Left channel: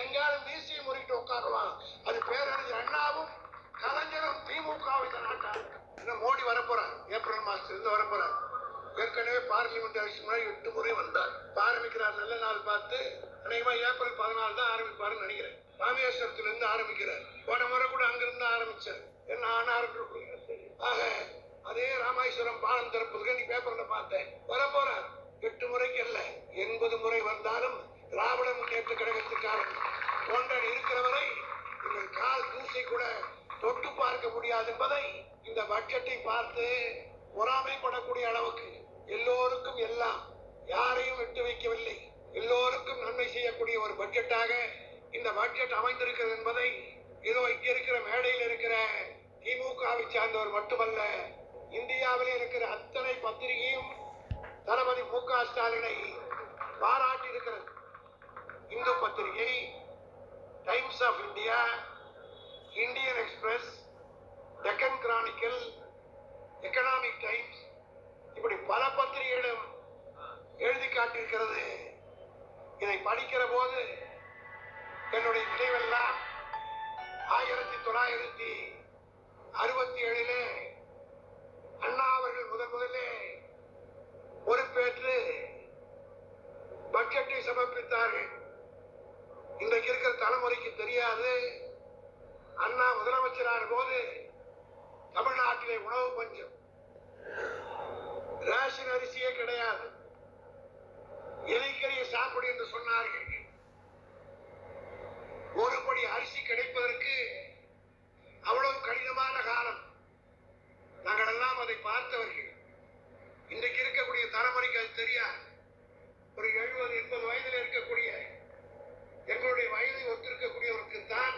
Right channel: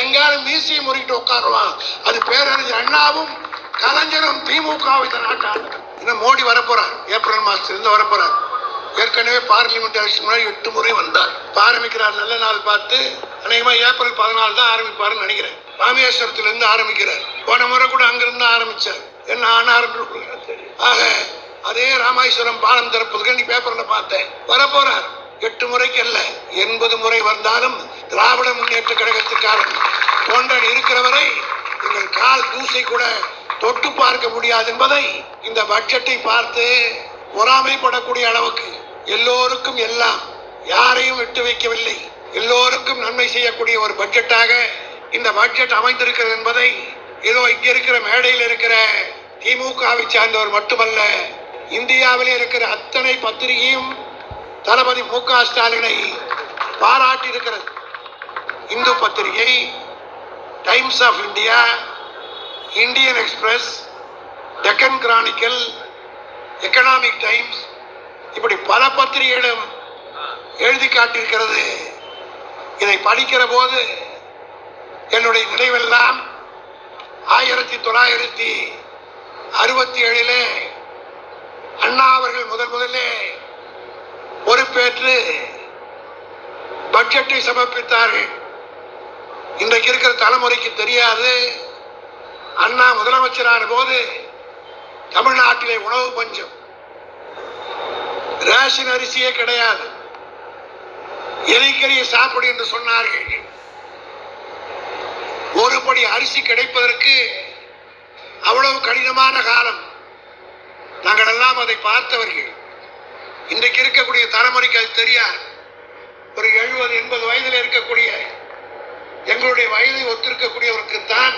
எங்காலும் மீசியை முறிக்கிட்டு உட்காருவான். அது பேரறிஞர் அண்ணாவும் கலைஞரும் திமுகவும் இந்த நாட்டாள. இன்னும் மோடி வரப்போறார், ஏப்ரல் மாசத்திலிருந்து வரப்போறார். ஏற்கனவே பார்லிமெண்ட் எலெக்ஷன் முன்னாடி 8 முறை வந்தார். ஆரம்பிக்கிறார், நல்ல நாள் பார்த்து அநேகமா ஏப்ரல் 14 தான் ஆரம்பிப்பாருன்னு நினைக்கிறேன். ராமேஸ்வரத்திலிருந்து ஆரம்பிக்கிறார். போன முறை கூட அங்கிருந்து ஆரம்பிச்சார். என்ன ஆனார் ஆக அதே ராமேஸ்வரம் பாலம் திறப்பதுக்கு நீ பேப்பர்ல பார்த்தேன். வரப்போறார். 8 முறைக்கு அல்ல, 80 முறை வந்தாலும் திராவிட முன்னேற்ற கழகத்துக்காரன் தொண்டன் இருக்கிறவரை எங்கள் கால் தூசை கூட தொட்டு பார்க்க முடியாது என்பதை இந்த பட்ஜெட்டை பார்த்து பொறாமைப்படக்கூடிய அளவுக்கு எல்லோருக்கும் எல்லாம், யாரையும் விட்டு வைக்கவில்லை, எல்லோருக்கும் நன்மை செய்யக்கூடிய ஒரு பட்ஜெட்டாக இந்த பட்ஜெட் அமைந்திருக்கிறது என்பதை ஏதோ இங்க இருக்கிற மேடையில் இருக்கிற திமுகவை சார்ந்தவர் மட்டுமல்ல, இந்தியாவிலே இருக்கிற அத்தனை பத்திரிகையும் தளபதி மு.க. ஸ்டாலினை பாராட்டி இருக்கிறது. இந்து பத்திரிகை, Times of India, Indian Express, Deccan Chronicle, Economic Times, இப்படி பல பத்திரிகைகளும் எழுதி காட்டியிருக்கிறது. இதை படிக்கிற போது என்னுடைய நினைவெல்லாம் 1967 அண்ணா அவர்கள் முதலிலே பொறுப்பேற்று பட்ஜெட்டை சமர்ப்பித்தார்கள். இன்றைக்கு இருக்கிற தலைமுறைக்கு தெரியாது, அண்ணா முதலமைச்சரான போது தமிழ்நாட்டிலே உணவு பஞ்சம், ரேஷன் அரிசியே கிடையாது, எலிக்கறியை சாப்பிடு என்று சொன்னார்கள். ஒரு படி அரிசி கிடைப்பதற்கு அவ்வளவு கடினமான காலம். நாங்கள் எல்லாம் அதை பார்த்தவர்கள். இன்றைக்கு இருக்கக்கூடிய தலைமுறைக்கு அது தெரியாது. ஒரு 70-80 வயதில் இருக்கக்கூடிய எங்களுடைய வயதை ஒத்திருக்கக்கூடியவருக்கு தான்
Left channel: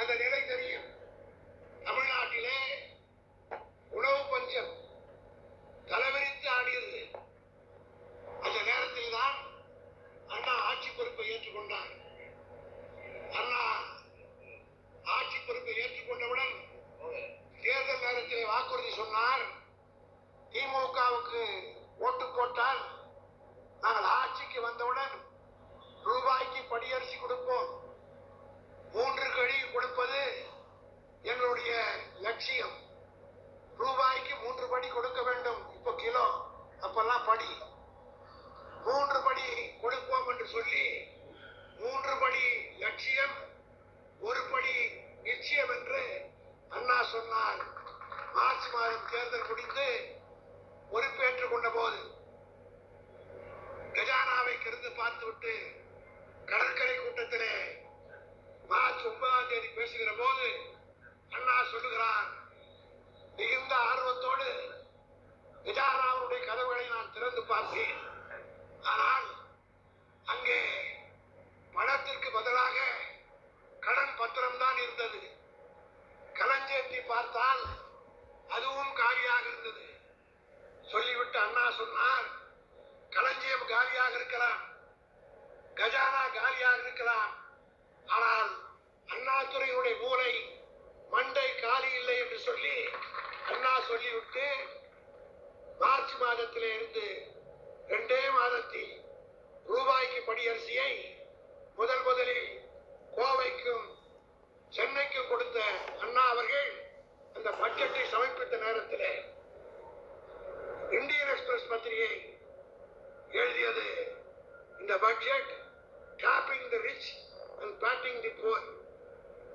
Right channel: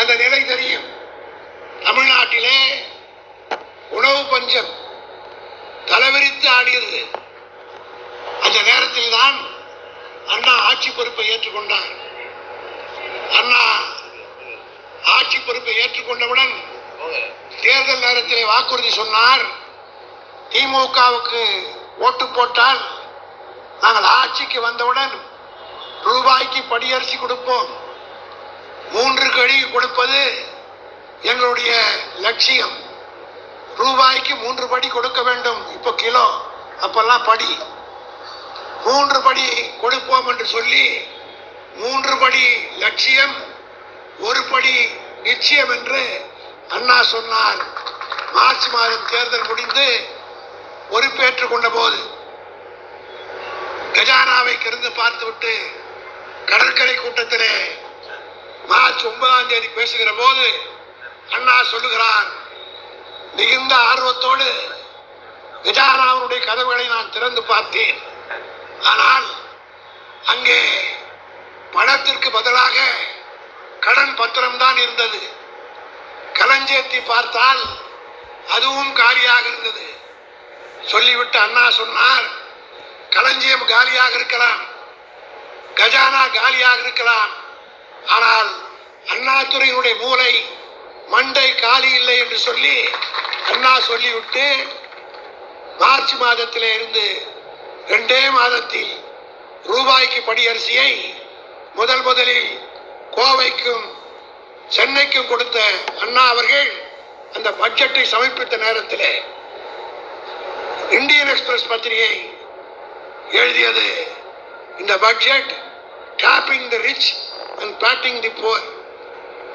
அந்த நிலை தெரியும். தமிழ்நாட்டிலே உணவு பஞ்சம் தலைவிரித்து ஆடியது. அந்த நேரத்தில் தான் அண்ணா ஆட்சி பொறுப்பை ஏற்றுக்கொண்டார். அண்ணா ஆட்சி பொறுப்பை ஏற்றுக்கொண்டவுடன் தேர்தல் நேரத்திலே வாக்குறுதி சொன்னார், திமுகவுக்கு ஓட்டு போட்டால் நாங்கள் ஆட்சிக்கு வந்தவுடன் ரூபாய்க்கு படியரிசி கொடுப்போம், 3 கடி கொடுப்பது எங்களுடைய லட்சியம், ரூபாய்க்கு 3 படி கொடுக்க வேண்டும். இப்போ கிலோ, அப்பெல்லாம் படி, 3 படி கொடுப்போம் என்று சொல்லி 3 படி லட்சியம், 1 படி நிச்சயம் என்று அண்ணா சொன்னார். மார்ச் மாதம் தேர்தல் முடிந்து பொறுப்பேற்றுக் கொண்ட போது கஜானாவை கிடந்து பார்த்துவிட்டு கடற்கரை கூட்டத்திலே மார்ச் 9ஆம் தேதி பேசுகிற போது அண்ணா சொல்லுகிறார், மிகுந்த ஆர்வத்தோடு கஜானாவுடைய கதவுகளை நான் திறந்து பார்த்தேன். ஆனால் அங்கே பணத்திற்கு பதிலாக கடன் பத்திரம் தான் இருந்தது. களஞ்சேத்தி பார்த்தால் அதுவும் காலியாக இருந்தது. சொல்லிவிட்டு அண்ணா சொன்னார், களஞ்சியம் காலியாக இருக்கலாம், கஜானா காலியாக இருக்கலாம், ஆனால் அண்ணாதுரையினுடைய மூளை மண்டை காலி இல்லை என்று சொல்லி அண்ணா சொல்லிவிட்டு மார்ச் மாதத்திலே இருந்து 2 மாதத்தில் ரூபாய்க்கு படியரிசியை முதலில் கோவைக்கும் சென்னைக்கும் கொடுத்த அண்ணா அவர்கள் அந்த பட்ஜெட்டை சமர்ப்பித்த நேரத்தில் இந்தியன் எக்ஸ்பிரஸ் பத்திரிகை எழுதியது, இந்த budget topping the rich and batting the poor,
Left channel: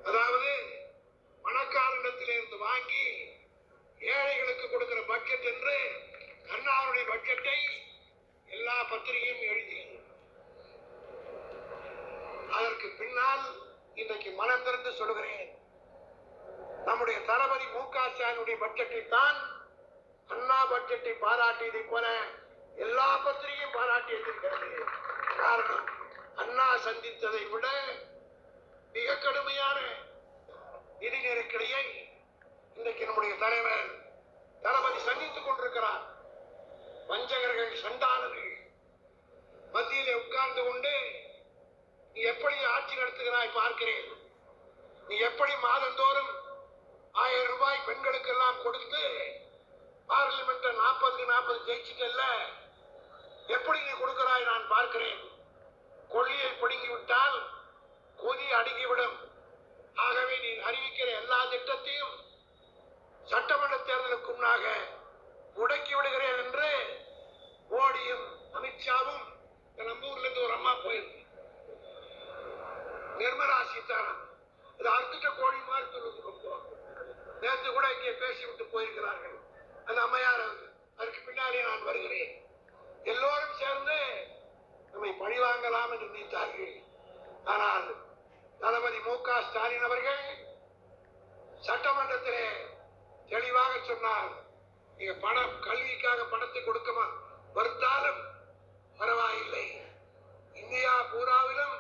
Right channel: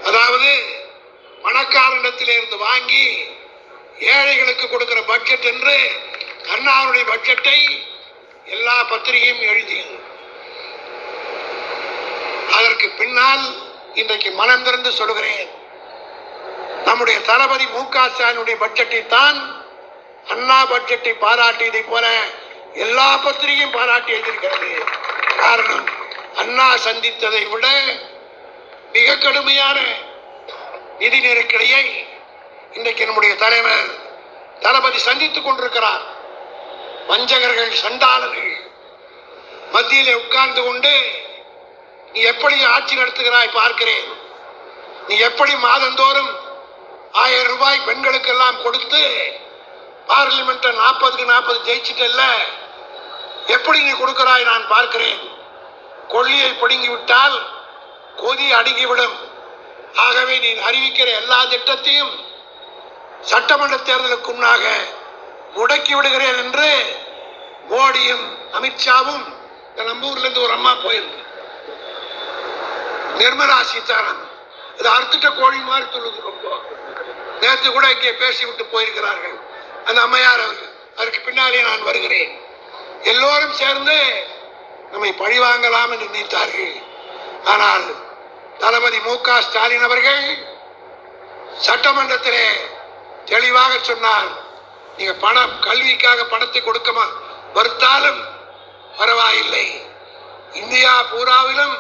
அதாவது பணக்காரனிடத்திலே இருந்து வாங்கி ஏழைகளுக்கு கொடுக்கிற பட்ஜெட் என்று அண்ணாவுடைய பட்ஜெட்டை எல்லா பத்திரிகையும் எழுதியது. அதற்கு பின்னால் இன்றைக்கு மனம் திறந்து சொல்கிறேன், நம்முடைய தளபதி மு.க. ஸ்டாலினுடைய பட்ஜெட்டை தான் அண்ணா பட்ஜெட்டை பாராட்டியதை போல எல்லா பத்திரிகையும் பாராட்டி எழுதியிருக்கிறது. காரணம், அண்ணா சந்தித்ததை விட மிக கடுமையான நிதி நெருக்கடியை இன்றைக்கு நம்முடைய தலைவர் தளபதி சந்தித்துக் கொண்டிருக்கிறார். வஞ்சகர்கள், சண்டாளர்கள் மத்தியிலே உட்கார்ந்து கொண்டு நீ எப்படி ஆட்சி நடத்துகிறாய் பார்க்கிறேன், நீ எப்படி மாதந்தோறும் 1000 ரூபாய் பெண்களுக்கெல்லாம் கொடுத்து பார்லிமெண்ட் 40க்கு 40 ஜெயிச்சிட்டல்ல, எப்படி நீ கொடுக்கிறாய் நான் பார்க்கிறேன். கொள்ளியை பிடுங்கி விட்டால் பகுதி அடங்கிவிடும். ஆகவே நீ அறிவிக்கிற எல்லா திட்டத்தையும் சட்டமன்ற தேர்தலுக்கு முன்னாக முடக்கி விடுகிறேன் என்று மோடியும் அமித்ஷாவும், நம்ம ஊர்ல இருந்து ஒரு அம்மா போயிருக்கு, நிர்மலா சீதாராமன், இது அறுத்துட்ட கோழி மாதிரி சொல்லுது. ரொம்ப நேற்று கூட இங்கே பேசிவிட்டு போயிருக்கிறார்கள் அந்த அம்மையார் அவர்கள். அதற்கு பின்னாலே நான் வருகிறேன். எல்லோரும் சேர்ந்து நம்மை பழிவாங்கலாம் என்று நினைத்தார்கள். ஆனால் தளபதி மு.க. ஸ்டாலின் அவர்கள் சட்டமன்றத்திலே தெளிவாக சொன்னார், நீங்க பணம் கல்விக்காக பணத்தை கொடுக்க மறுத்தாலும் பரவாயில்லை, இந்தியா பூராவிலும்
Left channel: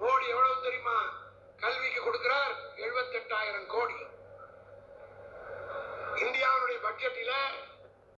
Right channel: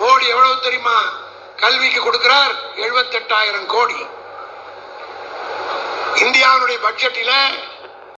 மோடி எவ்வளவு தெரியுமா கல்விக்கு கொடுக்கிறார்? 78,000 கோடி. இந்தியாவுடைய பட்ஜெட்டில